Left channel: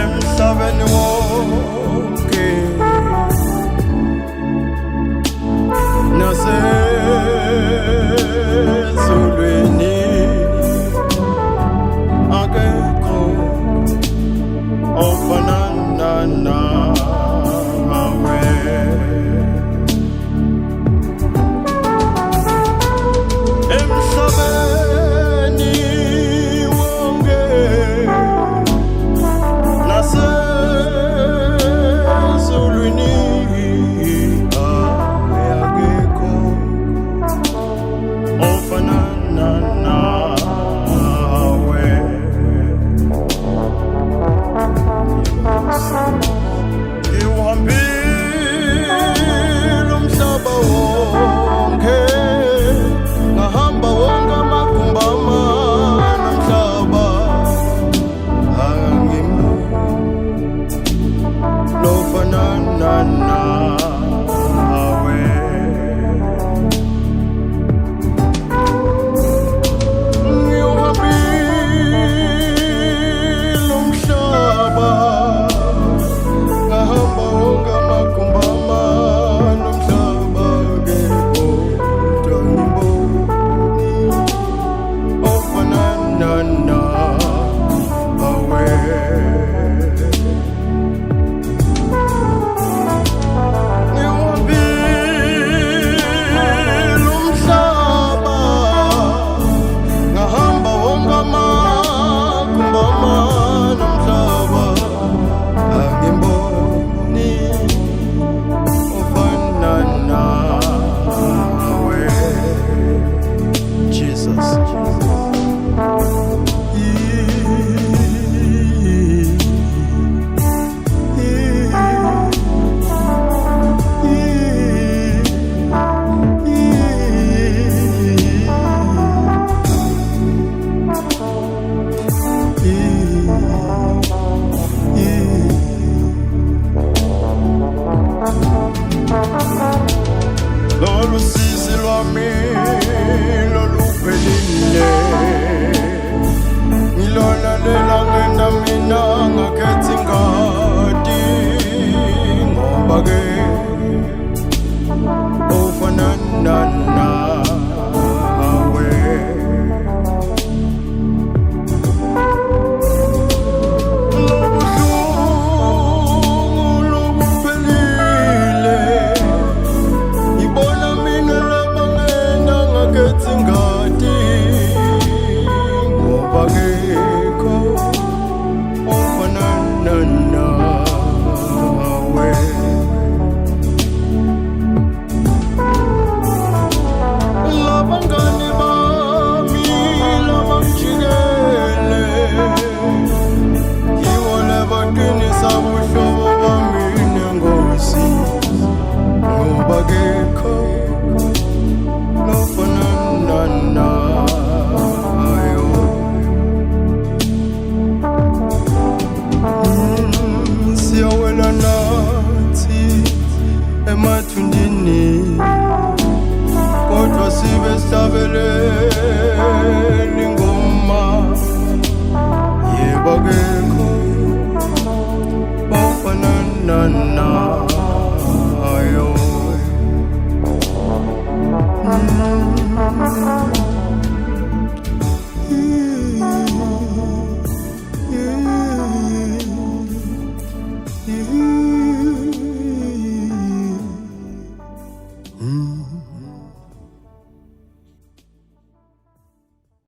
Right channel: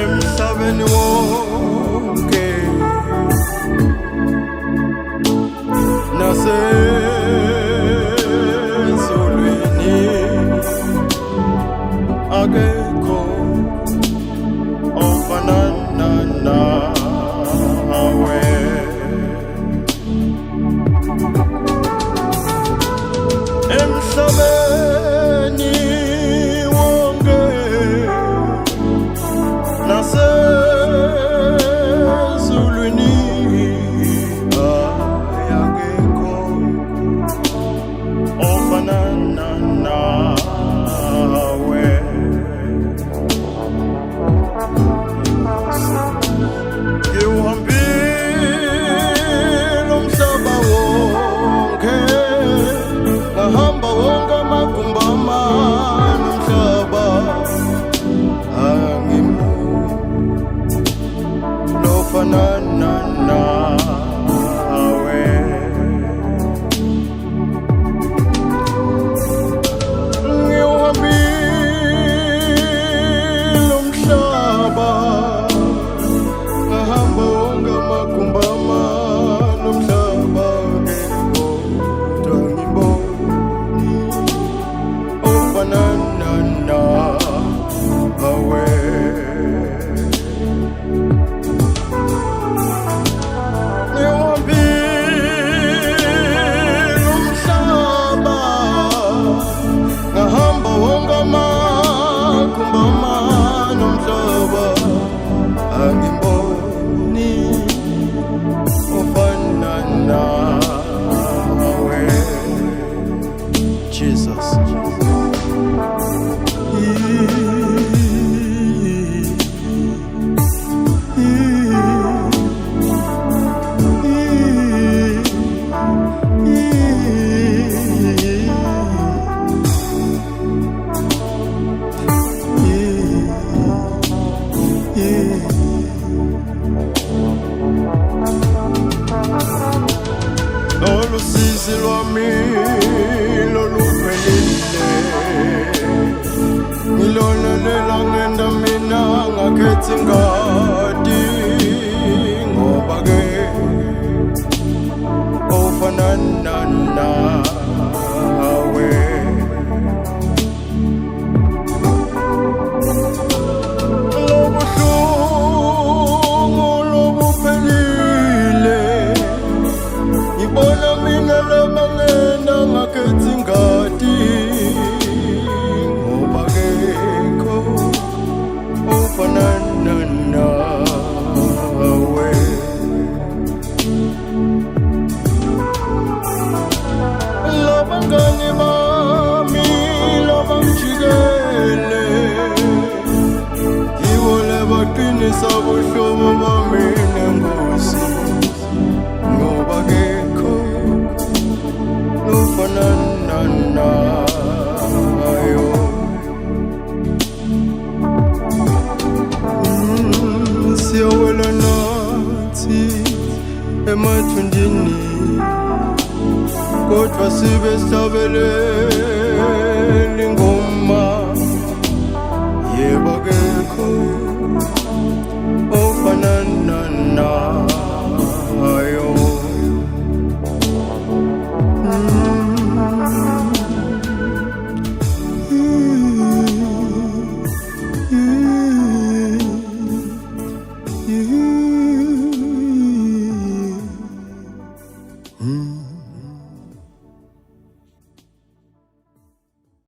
Emhlabeni wonkhe nasezulwini akekho ofanana nawe. Emhlabeni wonke nasezulwini akekho ofanana nawe. Ngiwuhambile umhlaba wonke, ngahamba wonke amagumbi amane omhlaba, angiboni ofanana nawe. Ngiwuhambile umhlaba, ngahamba wonke amagumbi amane omhlaba, kodwa angiboni ofanana nawe. Ngiwuhambile umhlaba, ngahamba wonke amagumbi amane omhlaba, angiboni ofanana nawe. Jesus. Lolu sisi lwami loluphelile, ngilona lela ngenda mina ngakhetha ingadi, ngoba ke ofanana nawe. Lobuhlungu lobuphelile, ngibona mina laba ngenda ngakhetha ingadi, ngoba akekho ofanana nawe. Labangani bami labangijikele, yibo labaqinisa ubuhlobo bami neNkosi, ngoba akekho ofanana nayo. Siyawela nathi emathundini, kodwa sibe sihlabelela ingoma.